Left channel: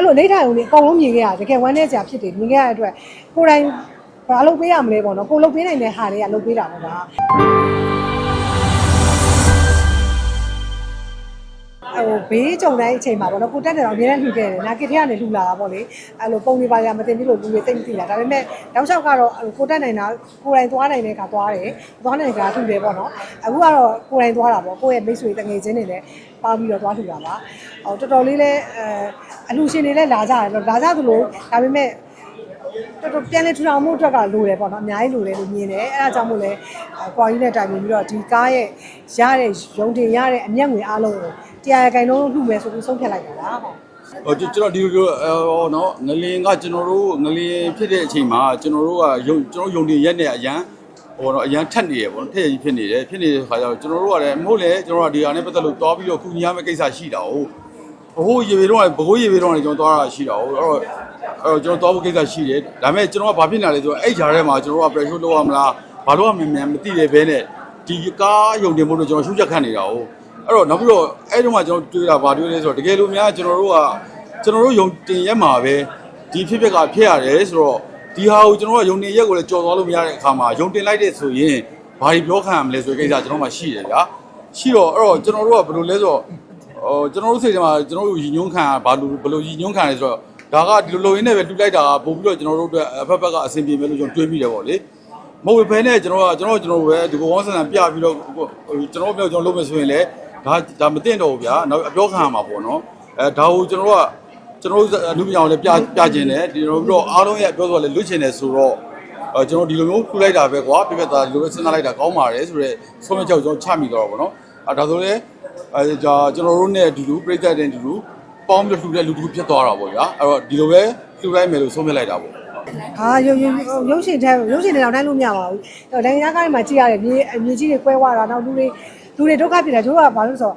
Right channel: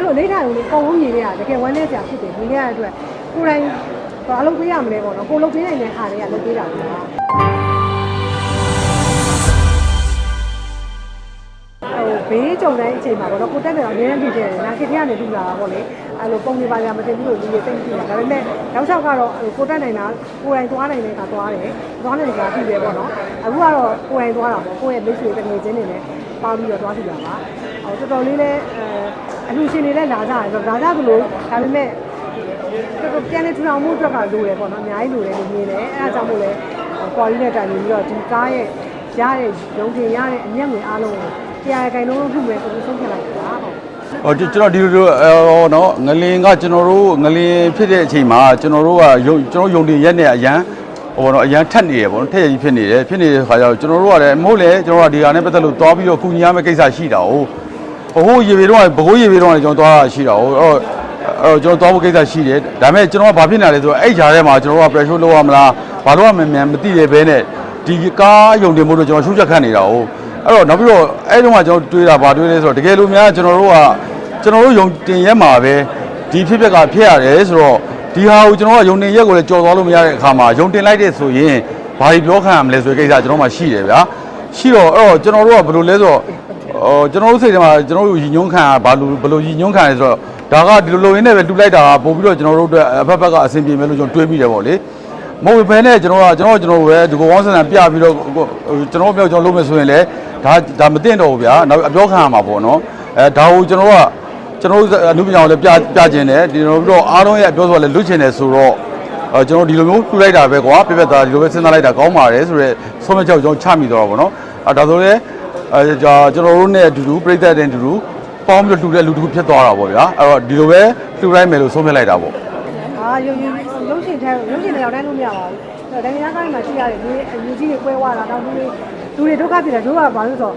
အဲ့လိုအိဋ္ဌာယုံလေးအကုန်လုံးမြင်ခဲ့ရတကယ်ဝမ်းနည်းစရာဖြစ်တယ်မြင်ခဲ့ရတဲ့အတွက်ကိုယ်တိုင်ဘာလုပ်ပေးရမလဲပေါ့နော်ကိုလုပ်ပေးနိုင်တဲ့ဟာတွေကလုပ်ပေးတာကွာဟိုဘေးကြုံတိုင်းအချိန်မှာပေါ့နော်ကိုတက်တယ်တော့အများကြီးဖြစ်တယ်နာခေတ်ထဲကနေလူလာတာပေါ့လေအဲ့လိုပုံတွေပါရမသိဘူးလို့လူတွေသိပြီလားဒါပေမဲ့နောက်ချက်ကတော့အဲ့လိုကိုတက်နိုင်တာကိုယ်တိုင်သွားနိုင်တဲ့ကသွားတယ်သွားနိုင်တာရှိတယ်ပေါ့နော်အခုကတော့ကိုယ်တိုင်သွားတာပေါ့ကိုယ့်ရဲ့မိတ်ဆွေတငယ်ချင်းတွေနဲ့ပေါင်းပြီးတော့သွားတူတာပါဟိုတော်တော်လေးလဲအဲ အလူရှင်တွေလည်းလာကြတယ်လာကြသူလို့ဒါပေမဲ့ပြန်လေထူထောင်မှုအတွက်ကလိုတယ်ပေါ့နော်အများကြီးလိုတယ်လို့မြင်တယ်အဲဒါကြောင့်မို့လဲကွာယူနဲ့တိုင်ပြီးတော့ဒီကားရဲ့ရတဲ့ရုံတင်ရတဲ့အမျက်ငွေအားလုံးကိုတရားရခိုင်လုံးလုပ်မယ်ဆိုပြီးဆုံးဖြတ်လိုက်တာဟုတ်ဟိုကျွန်တော်ဒီလိုဟိုနော်ငလင်ကကျွန်တော်တို့ငလင်ဖြစ်တဲ့အချိန်မှာကျွန်တော်တို့ကယုံကျွန်တော်ယုံတင်ရက်နဲ့အရန်ဟိုနော်အရန်ထက်နေရပေါ့နော်ထက်ရကြီးဖြစ်နေတယ်ဖြစ်နေတဲ့ခါကျတော့ကျွန်တော်တို့ကလည်းမဟုတ်လေကျွန်တော်တို့ကဒီဟာနဲ့ပတ်သက်လို့တွားပြီးတော့ကုညီရမယ့်ကိစ္စရှိတာဟု တ်ဟိုဟိုရေပေတော့ဘကိုးရေပေတော့လည်းကျွန်တော်တွားတာရှိတာဟုတ်အဲ့တော့အဲ့တော့ကျွန်တော်တွားဖို့ကိစ္စရှိတယ်ဒါပေမဲ့ကျွန်တော်ကဘာဖြစ်နေလဲဆိုတော့အဲ့ဂျာထဲမှာကျွန်တော်တို့က pressure လုပ်ရမလားဘာလို့ရမလဲမသိရဘဲနဲ့ဒီကားယုံတင်မှုတော့ကျွန်တော်ရှုချက်ခတ်နေတာဟုတ်အဲ့တော့နောက်ပြီးတော့အဲ့တုန်းကကျွန်တော်တွေးတာဘာတွေးလဲဆိုတော့တကယ်လို့များကျွန်တော်တို့ကကျွန်တော်တို့ယုံတင်ရက်မှာပဲဒီဖြစ်ပျက်ကဖြစ်ရတယ်ဆိုတော့ဒီဟာကိုကျွန်တော်ကယုံတင်ရက်ကိုလည်းကြော်သွားလို့မရတဲ့အခါမှာယုံတင်လိုက်တဲ့ဆိုရင်ဘာတွေပြောခံရမလဲဆိုတဲ့ကိစ္စကျွန်တော်မှရှိတယ်ဗျာရှိတော့အဲ့တော့ကျွန်တော်တို့ကဘယ်လိုလဲဆိုတော့ ဟိုကျွန်တော်တို့စိတ်ထဲမှာကျွန်တော်တို့ညီညွန့်ခံဘာလို့ဘယ်လိုညီညွန့်ခံလဲဆိုတော့ဒါကဒီလိုလိုရင်းနဲ့ပဲတူလိုက်တာပို့ပြီးတော့ကျွန်တော်တို့အတွက်အဖက်ဖက်ကအဆင်ပြေမယ်လို့ကျွန်တော်တွေးမိတယ်ပေါ့လေမဟုတ်ဘဲနဲ့ကျွန်တော်ကကျွန်တော်ကျွန်တော်ပဲဒီကိုဝေါင်းစံပြပြီးတော့ကျွန်တော်ပြောကျွန်တော်လုပ်မယ်ဆိုရင်လည်းဒါဒါမသိတော့ဘူးဗျာနောက်အပြောခံရမှာပေါ့နော်အဲဒါကိုကျွန်တော်ကကျွန်တော်တို့အမှုပြောင်းလည်းပြပြခြင်းတယ်ဒီလိုပြီးတော့အားလုံးရဲ့ပြောဆိုလည်းလွတ်ချင်တယ်ဆိုတော့အဲကျွန်တော်ဒီလိုမျိုးပြလိုက်တာပဲကွာပြပြသားဒီလိုပဲစဉ်းစားလိုက်တာကောင်းပါတယ်ဆိုတော့ဆုံးမချက်ကိုကျွန်တော်ချမိတော့ပါဘောနော်အဲဒါဆိုလည်း အဲကျွန်တော်တို့နဲ့အတူတူပြိသက်တဲ့အတူတူပေါင်းပြီးလှူတဲ့လူတစ်ခုဖြစ်သွားတာပေါ့ဗျာအဲ့တော့ဒီလိုပဲလှူလိုက်မယ်လို့ဆုံးဖြတ်လိုက်တာပေါ့အာရုပ်ရုပ်ရုပ်ရှင်တဲ့ရုပ်ရှင်တွေတော့နိုင်လို့မရပါဘူး။ဒါတရားကားမှာကြည့်ရတယ်မြေမြေကြီးတွေကွဲသွားတာတော့သူတွေသူတွေဒုက္ခဖြစ်တာတို့ကဘာလို့ဆိုတော့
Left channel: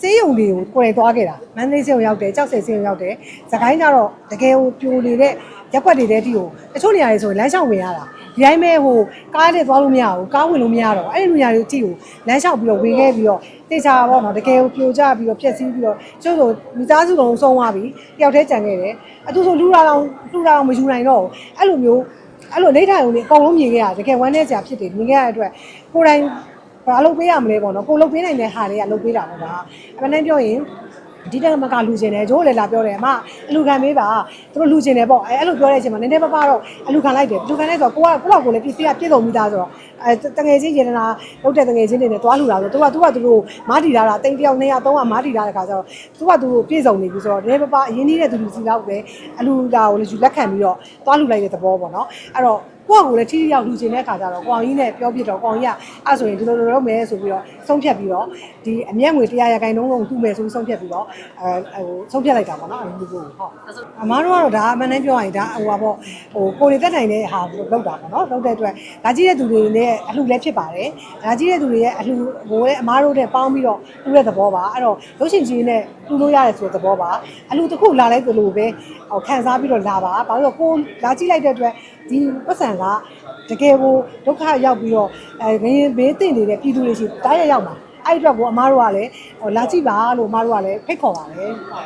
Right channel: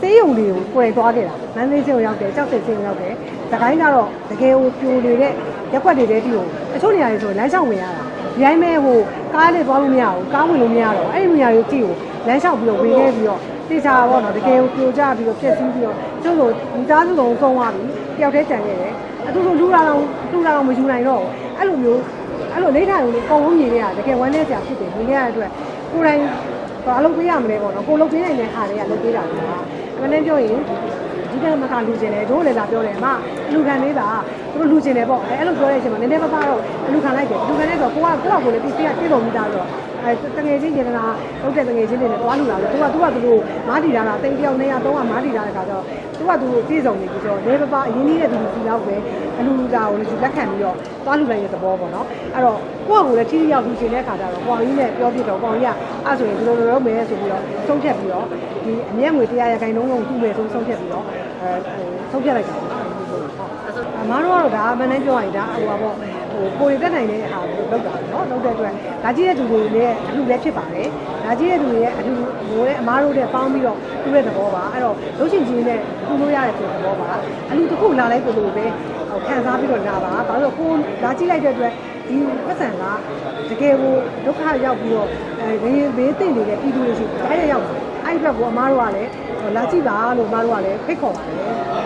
စေးရုံတွေကိုကွယ်သွားခဲ့တာ။မန္တလေးစေးရုံရောက်တယ်၊ကြောက်စဲစေးရုံရောက်တယ်။စကိုင်းကတော့တကယ်ဟိုပြိုနေတဲ့ရက်ွက်တွေတဲ့တီကိုတချို့နေရာတွေဆိုလမ်းလျှောက်ဝင်ရတာ။ဒီတိုင်းပဲဟိုကားလေးသွားလို့မရဘူး။ကားဝင်လို့မရတော့အဲ့ဒီနေရာတွေတီကိုလမ်းလျှောက်ပြီးတော့ဝင်ခဲ့ပြီးတော့ တေချာပေါ့နော်တကယ်ပြိုကျပြီးတော့ပြက်စီးပြီးတော့ကျို့ဆိုမိသားစုလုံးဆုံးသွားပြီ။တယောက်တည်းကြံခဲ့တယ်။အခုဆိုလူလာအောင်လူလာအောင်မယူနိုင်တော့ဘူး။အဲ့လိုမျိုးအဲ့လိုအိဋ္ဌာယုံလေးအကုန်လုံးမြင်ခဲ့ရတကယ်ဝမ်းနည်းစရာဖြစ်တယ်မြင်ခဲ့ရတဲ့အတွက်ကိုယ်တိုင်ဘာလုပ်ပေးရမလဲပေါ့နော်ကိုလုပ်ပေးနိုင်တဲ့ဟာတွေကလုပ်ပေးတာကွာအမှန်တမ်းပြောရင်ဒီကမကလူကျင်တယ်ကျိုးလည်းလာပြောတယ်အမအလူခံပေးပါသူတို့လူကျင်တယ်ပေါ့အဲအဲ့လိုပြောတဲ့အချိန်မှာနည်းနည်းပါးပါတော့အလူခံလိုက်တယ်လူခံလိုက်တော့ကိုကကိုကကိုလည်းပစ္စည်းကပြည့်စုံပြီးသားဆိုတော့ အဲတငယ်ချင်းရင်လာဟုတ်တဲ့တငယ်ချင်းတွေနဲ့တွားလူလာဆိုသူကသူကသူတို့မားတီလာတာတိတ်ပြောင်းနေရတော့မားတီလာတဲ့ခါကျတော့သူကသူတို့ပြည့်စုံနေပြီဆိုတော့နည်းပါးပါအရင်ကြီးတဲ့သူလူစီတော့ပဲအလူလာကိုလည်းယူလက်ခံပြီးတော့တွားလူလိုက်တဲ့သဘောပေါ့နော်အဲ့တော့ကိုကကိုလည်းထိထိရောက်လူကျင်တဲ့ခါကျတော့ကိုအောင်ကြီးနဲ့ပြောပြတော့ကိုအောင်ကြီးကအဲ့ဆိုရင်ဒီလိုလိုလုပ်မယ်ဆိုပြီးတော့ဆုံးဖြတ်ပြီးတော့ဒီအမျက်ငွေတရားရခိုင်နှုန်းကိုခုပဲဆုံးဆုံးဖြတ်ပြီးတော့အဲဟိုဆုံးဖြတ်လိုက်တာပေါ့နော်ဒီလိုဟုတ်အမားတို့ကတော့ဒါအမှန်တမ်းပြောရင်ဒါဟိုပါပေါ့ဟိုကိုယ်ရတက်နိုင်တဲ့ဟာကိုလုပ်တာပေါ့နော်လုပ်တဲ့ အတွက်ဒါကြီးတဲ့သူတွေနဲ့အလှလည်းဖြစ်ပါတယ်ဒါကြီးတဲ့သူတွေရဲ့အလှကိုလည်းအမားတို့နဲ့ပေါင်းပြီးတော့ပြုတဲ့သဘောပါအဲ့တော့ရုပ်ရှင်ကြီးနဲ့ပြုလို့ရတယ်ဆိုတဲ့သဘောပါအလှတစ်ခုလာလိုက်လို့ပဲဟိုခံစားပြီးတော့လာပါဘာလို့ကိုလာကြည့်လိုက်တဲ့အတွက်ဒီပတ်စံကတကယ်ကိုဒုက္ခရောက်ပြီးတော့အဲဘေးဘေးသိနေတဲ့ပြည်သူတွေစီတိုင်းရရောက်မှာအဲ့အတွက်ကိုအမားတို့ကလည်းလာကြည့်ပါလို့အမားတို့ကလည်းဖိတ်ခေါ်ပါတယ်။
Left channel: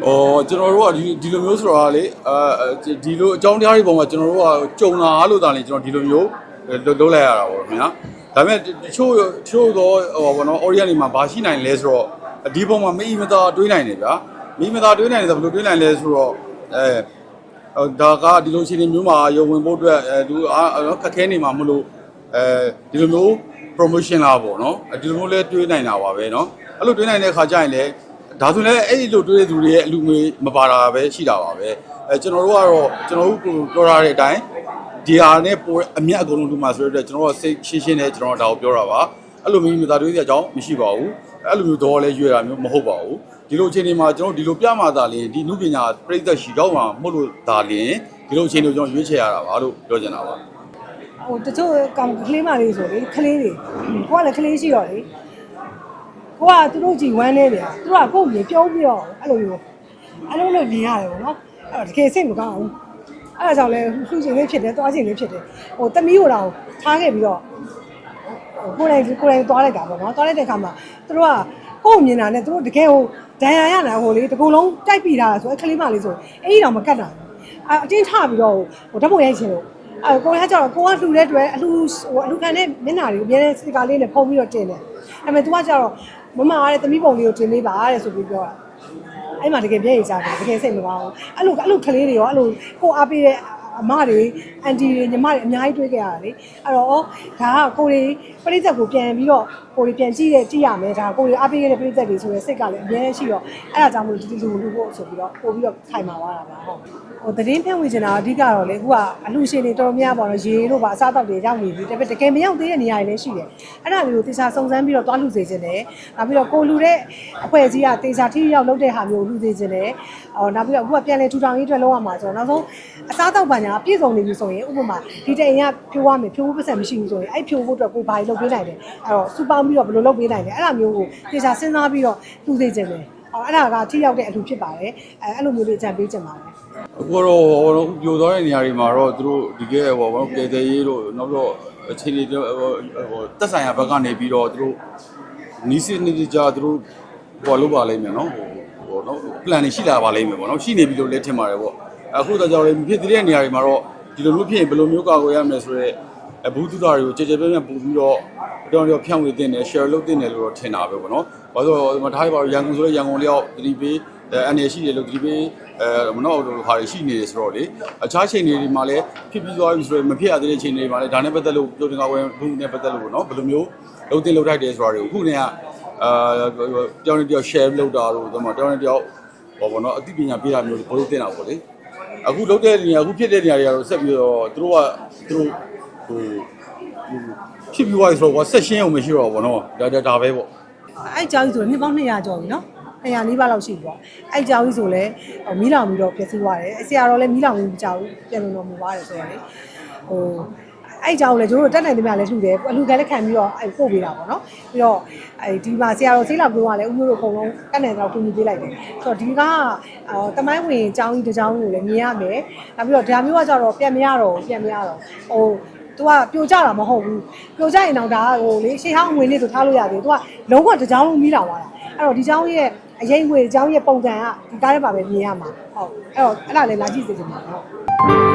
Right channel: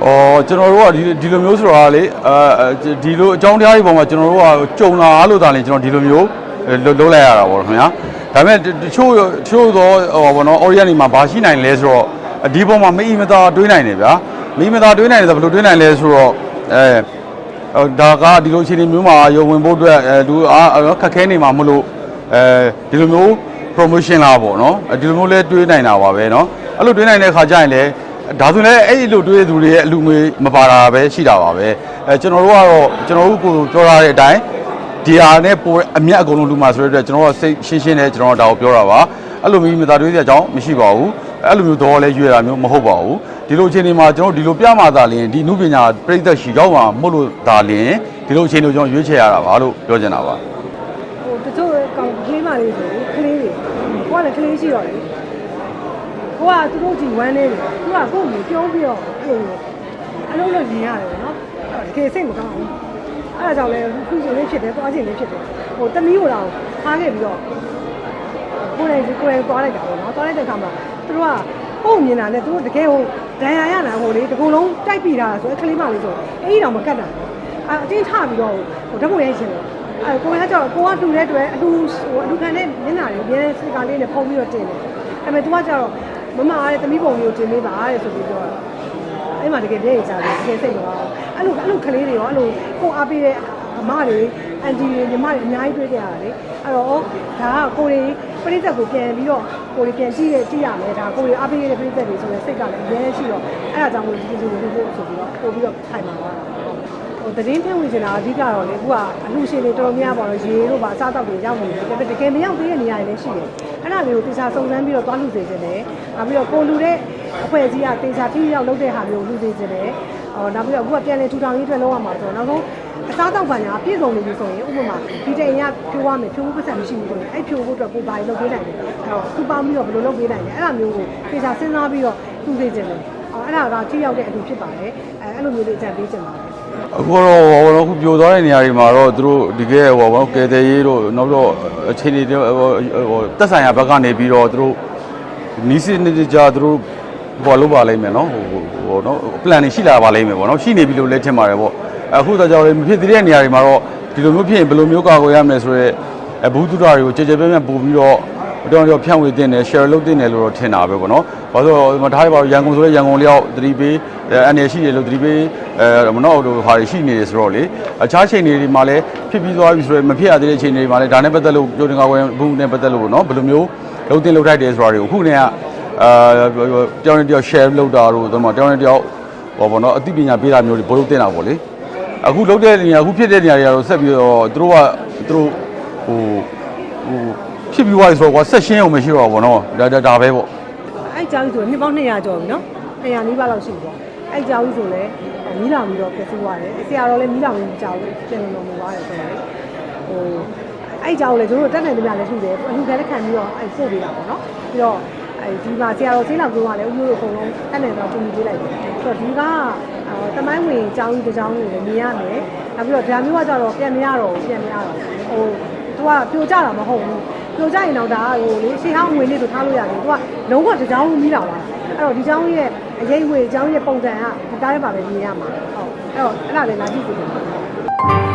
ဩကျွန်တော်တို့ကဒီဒီလိုမျိုးဆိုတာလေအဲဒီလိုအကြောင်းတရားတွေပေါ်မှာကျွန်တော်တို့ကကြုံလာလို့ဒါလေကျွန်တော်ဒီလိုမျိုးလုပ်လိုက်ရတာပေါ့ခင်ဗျာဒါပေမဲ့တချို့တချို့သောဟောဘောနော် Orient တွေမှာဘာရှိနိုင်လဲဆိုတော့ဒီပုံမှာမိအီမတာတွေးနိုင်တယ်ဗျာမိမသားတွေးနိုင်တယ်ဆိုဘယ်လိုတွေးနိုင်လဲဆိုတော့အဲဒါကဒီလိုအခြေအနေမျိုးမှာရုံဝင်ဖို့အတွက်အဲသူအားခက်ခဲနေမှာမလို့အဲဒီလိုမျိုး promotion လာပေါ့နော်ဒီလိုမျိုးလဲတွေးနိုင်တာပါပဲနော်အဲ့လိုတွေးနိုင်တဲ့ခါကျရင်လည်း ဒါဆိုလည်းအဲ့ဒီလိုတွေးတဲ့သူတွေရဲ့အလူငွေမပါတာပဲရှိတာပါပဲအဲကျွန်တော်တို့ကတော့ကျွန်တော်တို့ကိုပြောရတဲ့အတိုင်းဒီဟာနဲ့ပိုအမြတ်အကုန်လုံးလူမှာဆိုတဲ့အတွက်ကျွန်တော်တို့စိတ်ရှင်းရှင်းနဲ့ကျွန်တော်တို့ဒါကိုပြောတာပါအဲ့လိုမျိုးမိသားတွေးတဲ့အကြောင်းမရှိပါဘူးအဲ့လိုမျိုးတော့လည်းရွေတာမျိုးမဟုတ်ပါဘူးဒီလိုအခြေအနေမှာကျွန်တော်တို့ဒီလိုပြမှသာလျှင်ဒီနုပညာပြိသက်ရှိတော့မှာမဟုတ်လို့ဒါလျှင်ဒီလိုအခြေအနေကိုကျွန်တော်ရွေးချယ်ရတာပါလို့ပြောချင်တာပါဟိုတချို့ကောင်ကလေးမလေးဆိုလေကလေးတွေကိုကလည်းကလေးရှိတော့လေ ကိုကသူတို့ကြည့်ဝမ်းနေတယ်သူကကိုယ့်ကိုပြောပြီးတော့အဲ့လိုအလုံးနဲ့နေရတယ်ပေါ့နော်အဲ့တကယ်စိတ်မကောင်းဘူးအဲ့ဒါကြောင့်လေခုချိန်လေးဖြစ်တယ်သွားချိန်လေးဖြစ်တယ်ဟိုတမီးကိုတော့ထားခဲ့ပြီးတော့ကိုယ်တိုင်ကိုယ်တိုင်သွားလိုက်တာပေါ့နော်သွားလိုက်တဲ့အခါမှာသူတို့ကကိုယ်မြင်တာနဲ့သူတို့တကယ်ဟိုဒဏ်ရာရနာဟိုလေတကူလုံးတိုက်ပြီးတာဆိုအဲ့ကလေးမလေးဆိုအဲ့ဒီတော့မကတ်တာအဲအတင်းထပြီးတော့ဟိုဓာတ်ပုံရိုက်ချင်တယ်အဲကိုကကျတော့ကိုကလှူတဲ့အတွက်အလှဟိုအလှခံတဲ့မျက်နှာတွေအများစကားလေးနဲ့ဖုံးပြီးတော့တင်တယ်အဲမဲ့ तू ကကျတော့ မမအားတဲ့သမီးပုံလေးကိုတင်ပေးပါတဲ့ဆိုပြီးပြောတာအဲ့မှာတကယ်ပြည့်ရစားတယ်တကယ်စိတ်မကောင်းအဲ့လိုအဲ့လိုကလေးတွေရောအဲ့လိုကိုအားပေးတဲ့အမတွေအန်တီတွေညီမတွေအများကြီးတွေ့ကြရတယ်လေအဲ့တော့ဒါကကိုတွေပြိသက်ကိုပြန်ပြီးတော့ကိုတွေပြန်ကြည့်ရကြည့်ရမယ်ဒါကိုတွေအားပေးရတဲ့ပြိသက်တွေဆိုရင်စိတ်ကလည်းအများကြီးရှိတော့အဲ့ဒါကြောင့်မို့ဒီဒီကိုကိုဆိုပြီးတော့ပို့ပြီးတော့ထိုင်มาပါဟုတ် ဟိုသတင်းပြဝင်နေတာအဓိကတော့လေကိုကအလှရှင်တွေတော်တော်များများပေါ့နော်ရေတို့ပါအစားတောက်တွေရောက်နေတယ်ဒါပေမဲ့တကယ်မရောက်သေးတဲ့နေရာတွေလည်းရှိတယ်အဲ့ဒါမျိုးကိုတေချာစုံစမ်းပြီးတော့တွားလူစေခြင်းတယ်နောက်ပြီးတော့ကိုလူတဲ့အဖွဲ့အစည်းကတေချာထိရောက်လုပ်တဲ့ဟာမျိုးကိုလူစေခြင်းတယ်အော်နောက်ပြီးတော့အခုကပြန်လေထူထောင်ရေးအတွက်လုပ်ရမှာဆိုတော့နောက်ဆုံးအစားတောက်ပါညာပြည့်စုံနေပြီဆိုရင်ဥပမာဒီတိန်ကပြိုးရမယ်ပြိုးပတ်စံမရှိဘူးဆိုရင်အဲ့ပြိုးဖို့အတွက်ကိုဘာလုပ်ပေးနိုင်လဲအဲ့တော့စူပေါင်းပြီးတော့ဘယ်လိုလုပ်ပေးနိုင်လဲအဲ့ဒါမျိုးကိုတေချာစဉ်းစားပြီးတော့လူစေခြင်းတယ်အော်အဲ့ဒါကထိရောက်တဲ့အတူဖြစ်ပါတယ်အဲအဲ့လိုမျိုးတွေကြံပေးခြင်းပါတယ် အခုတော့ဟိုတော့ပြိုသွားတဲ့နေရာတွေမှာတော့သူတို့ဒီကဲဟိုဘောကဲတဲ့ရေးတို့နောက်တော့အချိန်တွေဟိုဟိုတက်ဆိုင်ရာဘက်ကနေပြီးတော့သူတို့နီးစနစ်ကြသူတို့ဘောလုပ်ပါလိမ့်မယ်နော်ဟိုဟိုနော် plan တွေရှိလာပါလိမ့်မယ်ပေါ့နော်ရှိနေပြီလို့လည်းထင်ပါတယ်ပေါ့အခုတော့ကြောင့်မဖြစ်သေးတဲ့နေရာတွေမှာတော့ဒီလိုမျိုးဖြစ်ရင်ဘယ်လိုမျိုးကာကွယ်ရမလဲဆိုတော့အဘူးသူတာတွေကိုကြည်ကြဲပြန့်ပြန့်ပို့ပြီးတော့ တော်တော်ဖြန့်ဝေတင်တယ် share လုပ်တင်တယ်လို့တော့ထင်တာပဲပေါ့နော်။ဘာလို့လဲထားရပါရန်ကုန်ဆိုတော့ရန်ကုန်လျောက်သတိပေးအနေရှိတယ်လို့သတိပေးအဲမနောတို့ဟာရှိနေတယ်ဆိုတော့လေအခြားချိန်တွေမှာလည်းဖြစ်ပြီးသွားပြီဆိုတော့မဖြစ်ရသေးတဲ့ချိန်တွေမှာလည်းဒါနဲ့ပတ်သက်လို့ကြိုတင်ကာကွယ်ဘူးနဲ့ပတ်သက်လို့နော်ဘယ်လိုမျိုးလုပ်တင်လုပ်ထိုက်တယ်ဆိုတာတွေကိုအခုနေကအာတယောက်နဲ့တယောက် share လုပ်တာတို့တော့တယောက်နဲ့တယောက်ဟောပေါ့နော်အသိပညာပေးတာမျိုးတွေဘယ်လိုတင်တာပေါ့လေ။အခုလုပ်တဲ့နေရာအခုဖြစ်တဲ့နေရာတွေကတော့ဆက်ပြီးတော့သူတို့ကသူတို့ဟိုဟို ဖြစ်ပြီးသွားပြီဆိုတော့ဆက်ရှင်းအောင်မရှိတော့ဘူးနော်ဒါဒါဒါပဲပေါ့အဲ့ကြောင်ကြီးဆိုနှစ်ပေါင်း200ကျော်ပြီနော်200လေးပါလောက်ရှိပြီပေါ့အဲ့ကြောင်ကြီးဆိုလည်းမီးလောင်ပြီးတော့ပြည့်စုံသွားတယ်အဆရာတော်လည်းမီးလောင်ပြီးကြောင်ပြန်လုံလုံသွားတယ်ဆိုတော့လေဟိုအဲ့ကြောင်လည်းကျွန်တော်တက်နိုင်တဲ့ပြလည်းလှူတယ်အလူကလည်းခံပြီးတော့အဲ့ပို့ပေးတာပေါ့နော်ပြီးတော့အဲ့ဒီမှာဆရာတော်ဆေးလောက်ပြောရလဲဥပဒေအကုန်လုံးတက်နိုင်တော့ထူထူပေးလိုက်တယ်ဆိုတော့ဒီကတမိုင်းဝင်ကြောင်ကြီးတစ်ကြောင်ကြီးလည်းမြင်ရမယ်နောက်ပြီးတော့ဒါမျိုးကကြတော့ပြန်မရတော့ပြန်မရတော့ဟိုသူကပြိုကြတာမဟုတ်ဘူး ပြိုကြရင်တော့ဒါဟိုလေရှေးဟောင်းငွေလေးဆိုထားလို့ရတယ်သူကလုံးဝတစ်ကြောင်လုံးမီးတောင်လာအဲ့တော့ဒီကြောင်ရဲ့အရေးဝေကြောင်ရဲ့ပုံစံကဒါကားထဲမှာပဲမြင်ရမှာဟုတ်အဲ့တော့အဲ့ဒါလေးလာကြည့်စီကြပါ